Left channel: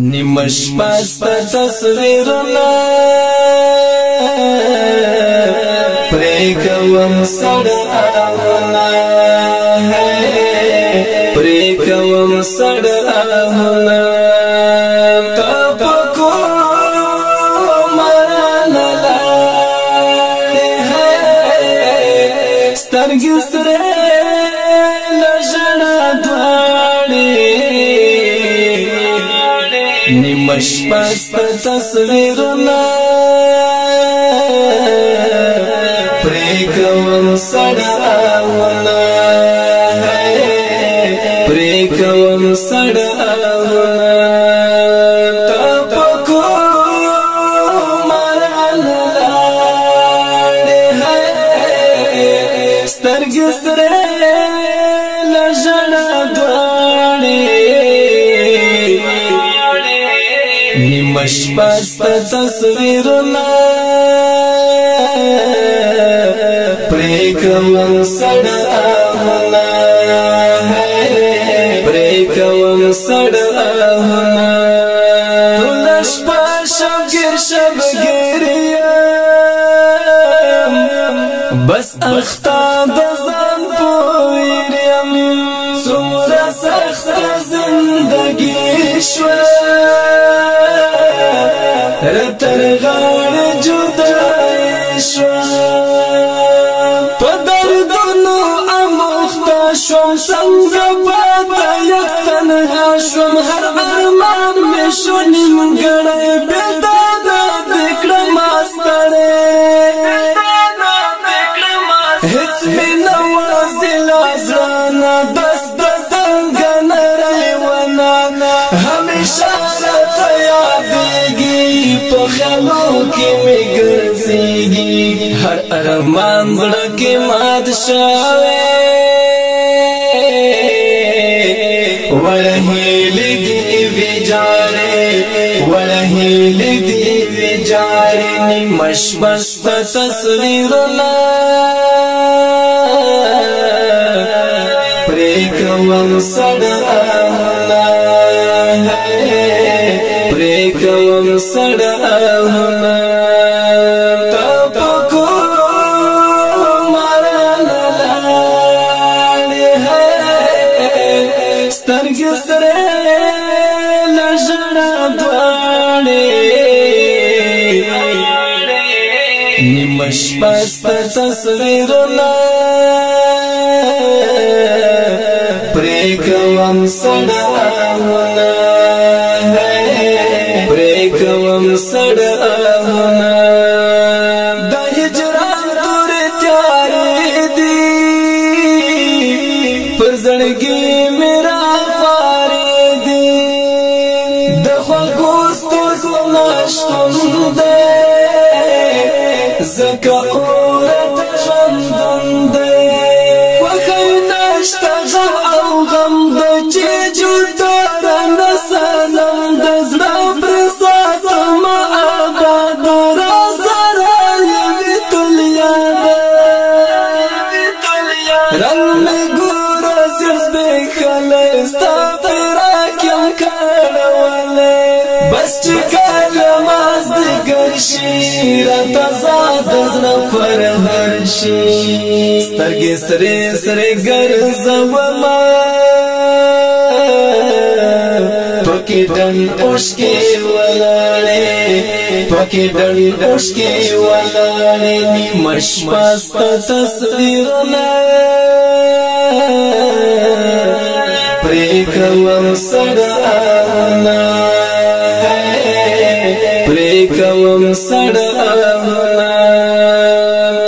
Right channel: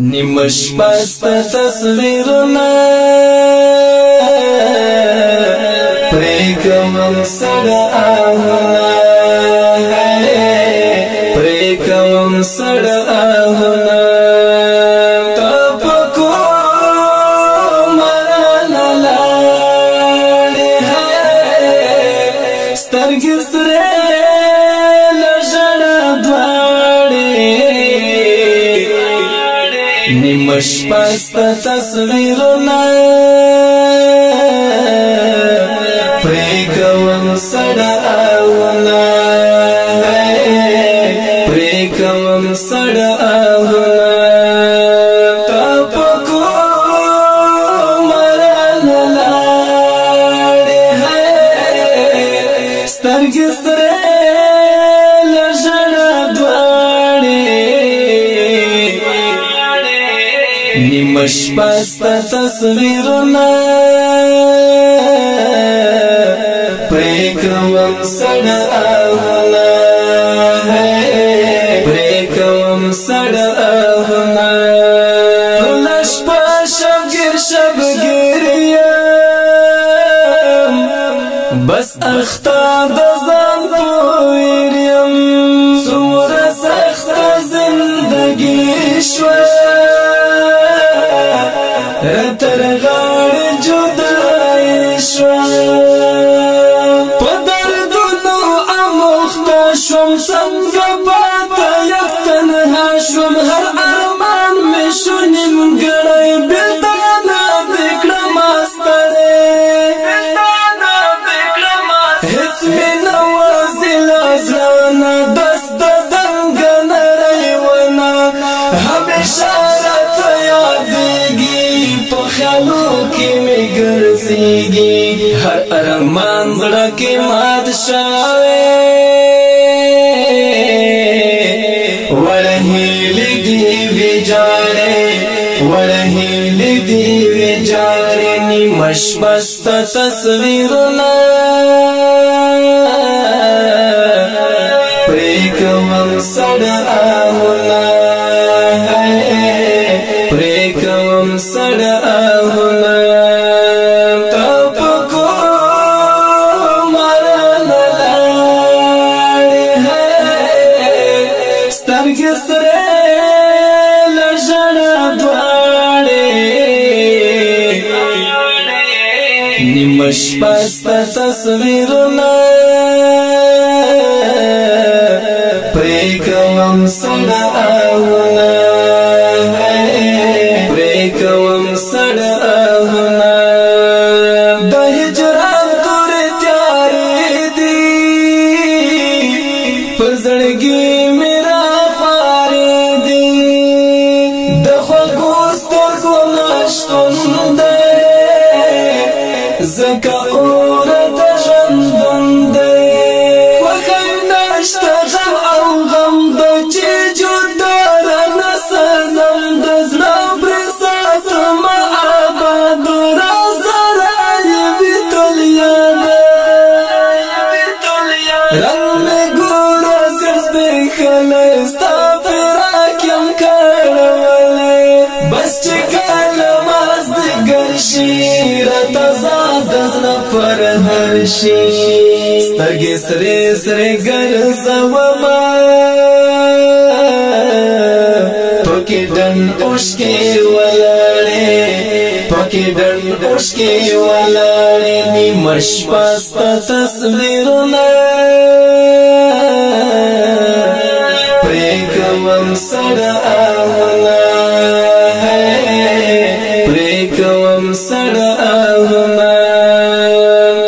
نیمش پست تصویرنا پریکوم سڑ آہونا پریکوم سڑ آہونا تپکو مرانا لاڑی ہے سترگی سرے لجڑا دواڑی نیمش پست تصویرنا پریکوم سڑ آہونا پریکوم سڑ آہونا تپکو مرانا لاڑی ہے سترگی سرے لجڑا دواڑی نیمش پست تصویرنا پریکوم سڑ آہونا پریکوم سڑ آہونا تلش پا شبگیر شبگیریم بس اختا دزان پویریم سمرا سخت زندگی شوی رتر غاڑ جدائی شوا پا دردنو اموختا شوم سنگ باتا یک تنها شوم ہر ارمان میں شونیم گڑای بلدانا دکڑم آسترے حس میں نوازی لازرانا دست دنگن ریوانا ہمیشہ رتا یادیگی پخیالو کی میں گرزیگی ہر ارمان زڑا کی مات شاوے وڑہیلی دیوی جاڑے وڑہیلی دیوی جاڑے نیمش پست تصویرنا پریکوم سڑ آہونا پریکوم سڑ آہونا تپکو مرانا لاڑی ہے سترگی سرے لجڑا دواڑی نیمش پست تصویرنا پریکوم سڑ آہونا پریکوم سڑ آہونا دا ہجران توری تیاری دی پر زڑگی میرا خاری دی دا خواگوستر کو ناشتن دے زکا اورت جندن دے وخی ناشتا غم او غم دا چی جدارا نسانم دا زرام برسات ما آباد رازارائی بیتل یادا رنگ میں گورا زرز دیکھلے ستا پیراکیم کارولے بس چکال ماز دیگر رتا زادزنا پر ہرشی سترگی سرے سرے گرزوما پکی ڈن اشکی ولاڑے پکی ڈن اشکی ولاڑے نیمش پست تصویرنا پریکوم سڑ آہونا پریکوم سڑ آہونا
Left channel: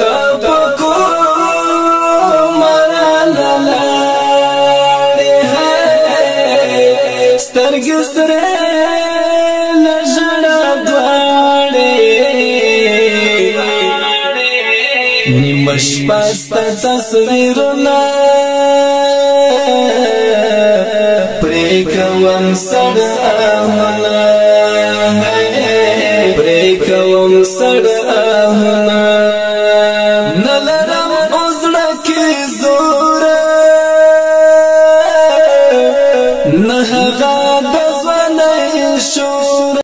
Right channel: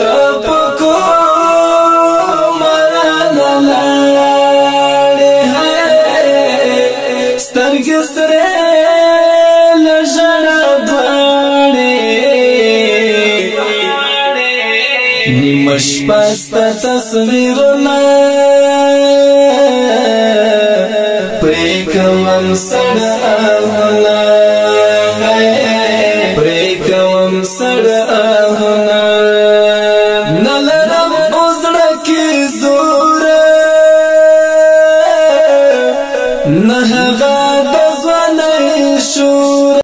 تپکو مرانا لاڑی ہے سترگی سرے لجڑا دواڑی نیمش پست تصویرنا پریکوم سڑ آہونا پریکوم سڑ آہونا نلرم ازڑا کی زور نهغا د ځوانۍ شور